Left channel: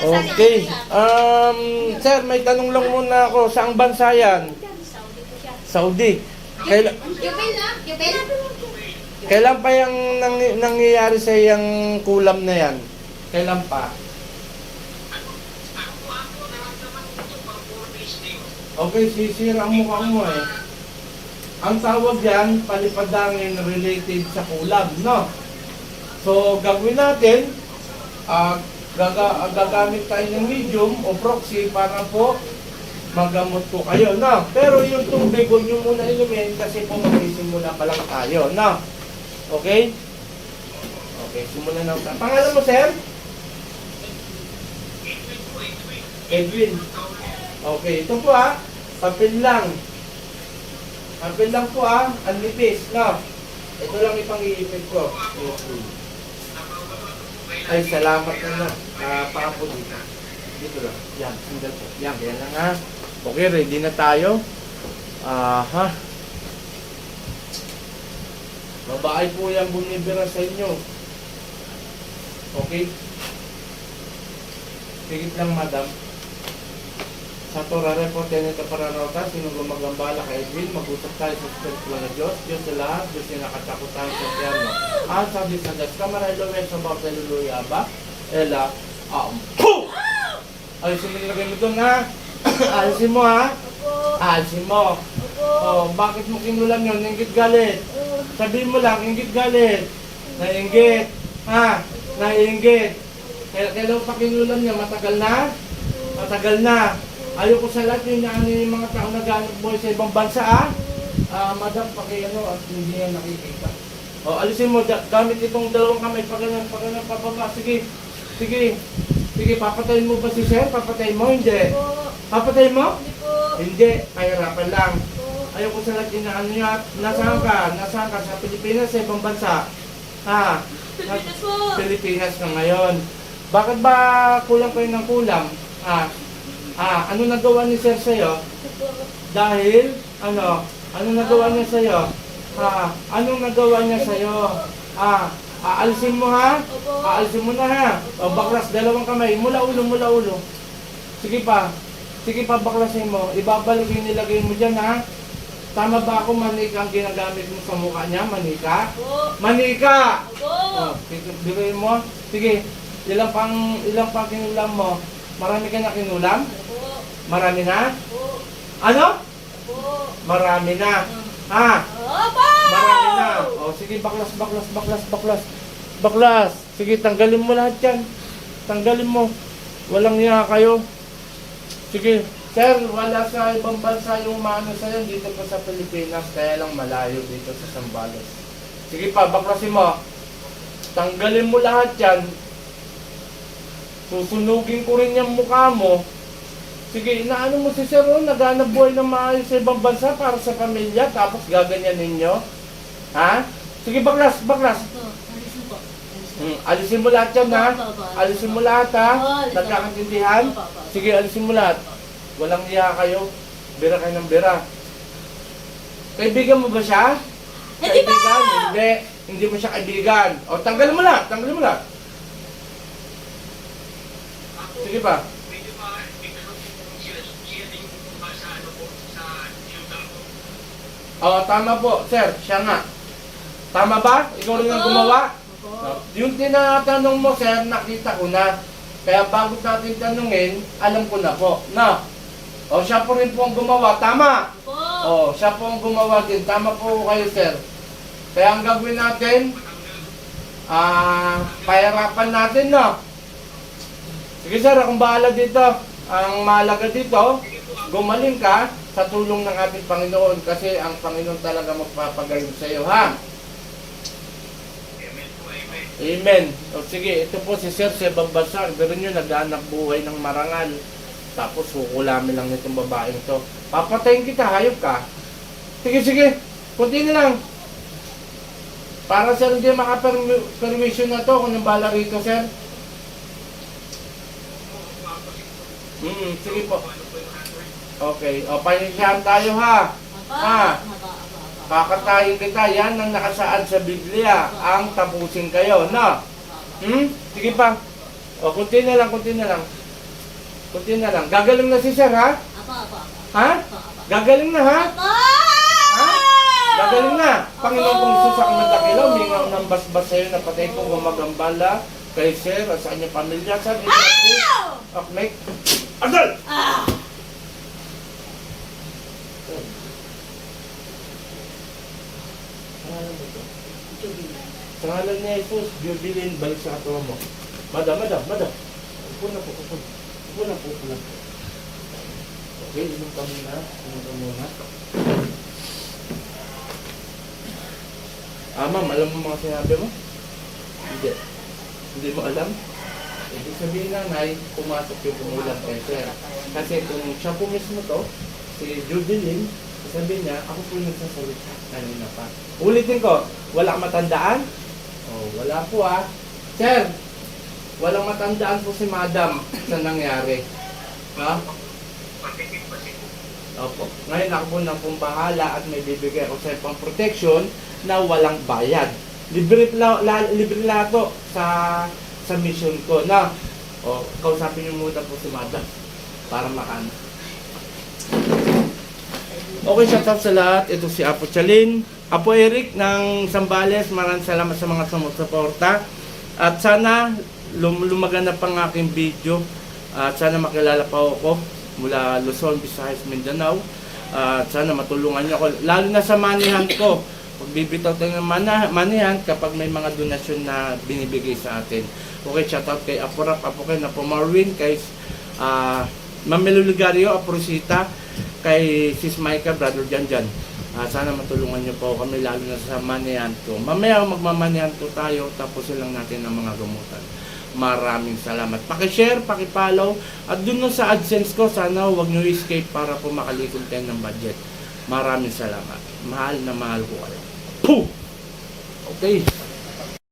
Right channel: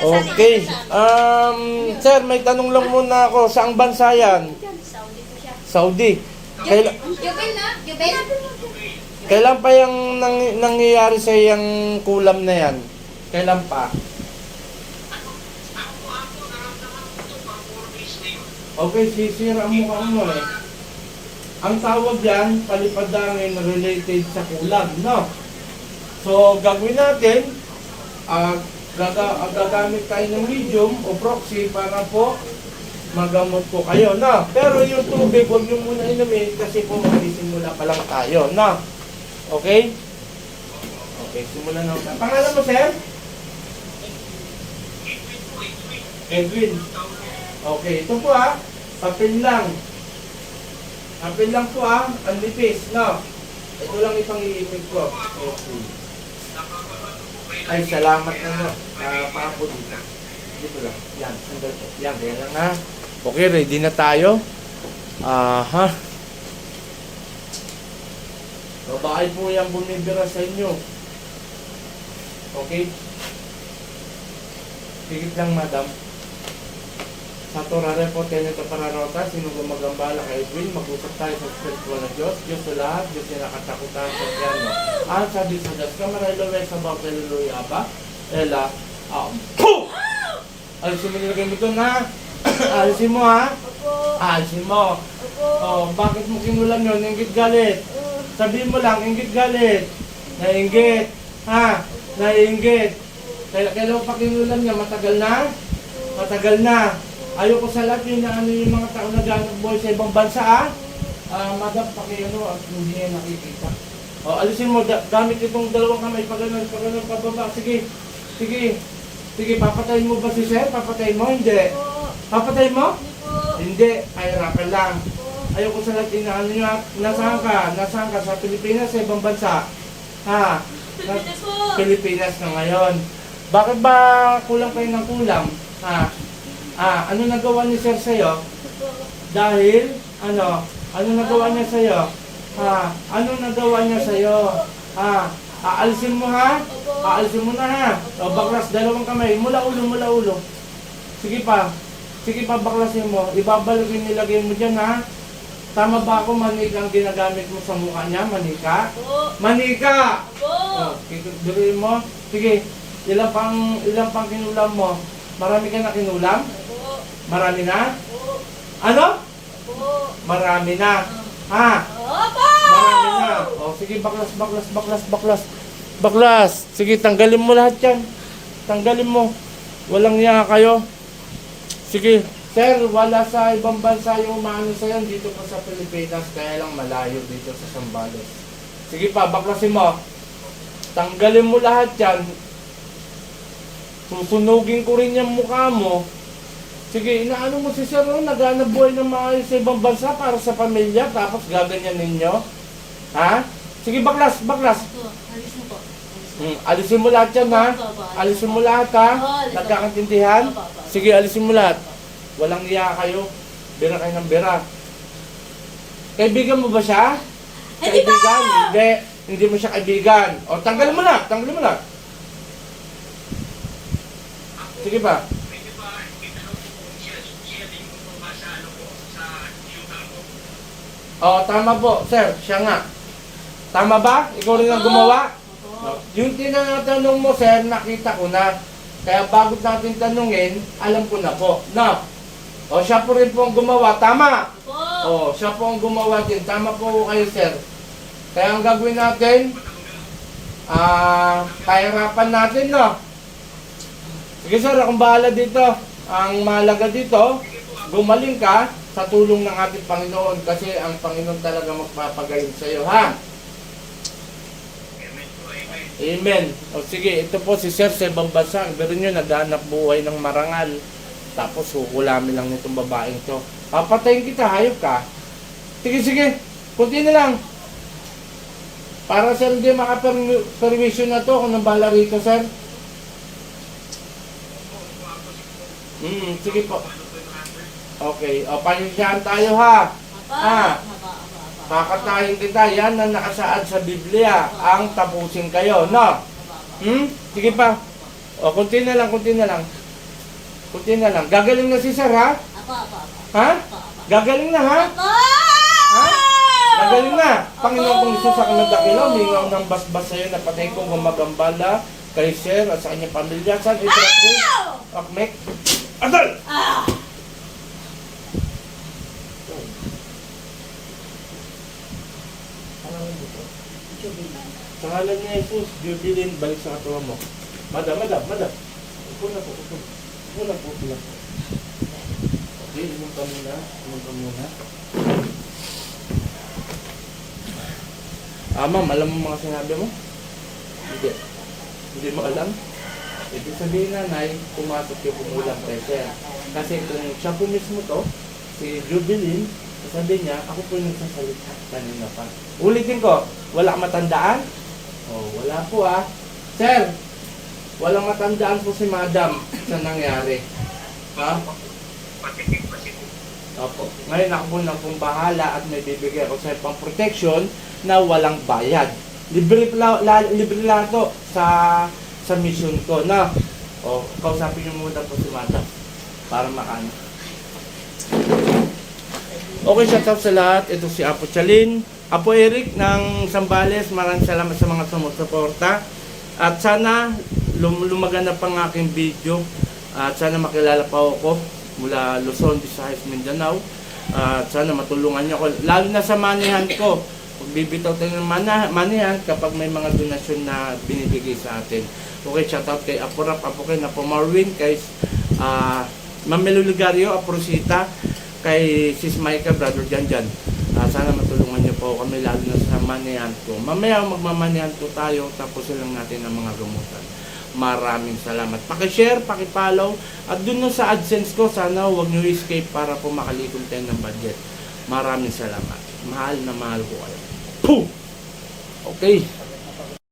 Okay. Um, sir, may tanong lang muna ako. Saang bansa yan? Saudi po siya. Saudi. Kailan, Jubel na? Jubel? kailan pa yung nang, nangyayari sa yung kulam na yan? Kailan pa? Okay, sisira ang mukha mo eh. Ang tawag yan, palipadangin related sa kulam, no? So, gagawin natin, ah, gaga, gagamit tayo ng medium o proxy para po magamot po kayo, no? Pero yung tubig, huwag nyo muna inumin kasi po magsisimula pa lang tayo, no? Okay? Okay, simulan na. Pangalan mo, sir? Edwin. Okay, ito po ah, papel lang. Papel lang po ah, ang lipis, no? Ito lang itong iipit ko. Okay. Ay, salamat na no. Nakapapo dito. Dito lang. Yan, sandal po. Yan, yan lang ha. Okay, ready na tayo. Aha. Babae po yan bumibira sa inyo. Okay? Pigit lang, madam. Sa Torare po, Tenito Paranota, sino gumagambala kay Edwin, mag-usap tayo sa Espiritu ng Diyos, Diyos sa lahat, Diyos yung nakatakutan sa Eterno. Ang sabi sa Diyos, kamaray laway sa bawat haleluya ba? Ela, um, Puh! Alisin mo nilagay mo doon, ha? Alisin mo, ha? Alisin mo. Oh, bakit mo kinulan yun? Ingit galit. Sabihin mo lang, ingit galit. Nainggit. Ha? Nainggit. Kaya kailan pa kinulan nyo? Matagal na? Matagal na. Ayoko sa yun na ano yung mga tao na boy sa ibang bansa ah. Ah, madam, pakiano at hindi yan nakikita. O, alisin mo, da- gamit itong dalawang kamay, paganan, paganan, pababa. Sige, sige. Sige, papatayin mo ba si sir? Papatayin mo? Hindi. po. Papatayin mo? Hindi po. Hindi, kahirapan lang. Po. Ayoko sa lahat na ano yun, at nasaan ka? Nasaan ka? Sa Pilipinas, sa ibang bansa? Ha? Sa Pilipinas po. Pilipinas ka ngayon. Bakit ba kulang kayo ng kulang? Ha? Ah, ano nagawa ni Sir sa'yo? Dahil, ano? Ano nagawa niya sa'yo? Ha? Anong nagawa niya sa'yo? Ha? Aalisin mo ha? Opo. Aalisin mo na ha? O baklas, dalawang kamay. Mula ulo, mula ulo. Sige pa. Sige pa, baklasin mo. Ibabalagin nilagay mo dyan ha? Tama ba ako manika ang ginagamit mo sa mukha niya? Manika? Opo. Manika! Opo. Oh, Dirin mo. Sige, ilang pang ilang pang kinulam mo? Marami ka na kinulam? Marami na? Opo. Ano? Opo. Marami na. Ha? Opo. Marami na. Oh, sige, baklas, baklas, baklas, baklas. Baklas. Sige, tanggalin mo lahat yan. Tanggalin mo. Walang niya kayo. Sige, sir, wala sa ibang bansa yung umano sa yan dito pa sa Pilipinas, kaya lang malayo dito sa Sambales. Sige pa, baklasin mo. Tanggalin mo lahat yan. Susunugin ko rin yung mukha mo. Sige, inaano mo si Sir Ron, naghanap buhay ng maayos sa ibang bansa para sa pamilya, tapos gaganyan ninyo? Ha? Sige, baklas, baklas. Na na. Hmm, alisin mo lahat yan, ha? Alisin mo lahat, ha? Nagkakaintindihan? Sige, alisin mo lahat. Walang iya kayo. Bira kayo ng bira. Kaibigan mo ba siya? Kaibigan? Hindi. Hindi mo siya kaibigan. O, tanggalin mo lahat. Tanggalin mo lahat. Sige ba? Oo, tama po, sir. Siya nga. Tama ba? Ikaw rin ang gumawa? Opo. Yung tinatanong mo, sir, nakita ko na. Kaya bago natin tanungin, alam ko na po. No? O, siya po rin po ang gumawa. Tama! Opo. O, siya po ang gumawa din. Tama po kayo, sir. Kaya ang gagawin natin, ah, pahirapan natin, no? Sige, sir, akong bahala dito. Ang mahalaga dito, gumaling ka sa tulong ng ating Panginoon kasi ang Panginoon talaga magpapagayon sa iyo, ha? Amen. O sige, ito po si Sir sa ibang bansa. Pero nyo, naghanap buhay ng marangal. Tapos hukulamin lang nitong babaeng to. Papatayin kita, hayop ka. Sige, sige. Kunti na lang. Para sir hindi makapermission na to kung nang bala rito, sir. Hmm, sige po. Okay, o panindihan tayo ha. Opo. Kakatayin kita, yan ang nakasaad sa Biblia. Ang tapusin kayo, no? Hmm? Sige pa. O, kunti na lang, kunti na lang. Kunti na lang. Gagaling na si sir, ha? Ha? Gagaling na, ha? Ha? Gagaling na. Panginoon kong. Isus ako nagdakilo, mingaw ng basbas sa'yo, napatay ko gumagambala kay sir at sa kanyang pamilya. Sabi ko! Akmek. Adal! Ah! To? Jubilee. Pangalan niya Jesus, Jubilin, balik sa katawan mo. Madam, madam, madam. Upo na po, upo. Upo na po, upo na. Okay, inom ka muna. Inom ka muna. Ah, ma'am, alam mo mga sinabi mo? Hindi. Hindi mo alam? Ibig sabihin na may pumasok yung pumulang pressure. Kasi kung siya po mismo to, si Jubilin, sabi niya, ako po yung nagsasalita kanina pa. Ulitin ko, wala kang matandaan? Oh, wala po ah. Sir, walang matandaan po si Madam sa nangyari. Ha? Opo. Ngayon ako na pong bahala at may bibigay ako sa pang protection na walang bayad. Libre la, la, libre lang ito sa sa mission ko na o kausapin niyo muna po si Madam para makan. Okay, shout out sa lahat. Ito si Apo Chalin. Apo Eric ng Sambales. Maraming salamat sa mga sumusuporta. At sana lum lumaganda pang aking video. At sana makilala pa ako mula Luzon, Visayas, Mindanao. At sana matulungan niyo ako. Lalo na sa manihan ko. Pagbibitaw tayo ng mana, manihan kapag may mga donasyon na binibigay sa atin. Okay, shout out kay Apo Rap, Apo kay Napo Marwin, kay ah Mamelo Ligario, Apo Rosita, kay Sis Maika, Brother Janjan. Ah, sana matulungan niyo po kami lalo na sa manihan ko. Mamaya magmamanihan ko tayo tapos lang natin ang mga gamutan. Maraming salamat. Paki-share, paki-follow at dun sa AdSense ko sana huwag niyo escape para po makalikod tayo ng budget. Maraming salamat. Mahal na mahal ko kayo. Puh! Okay.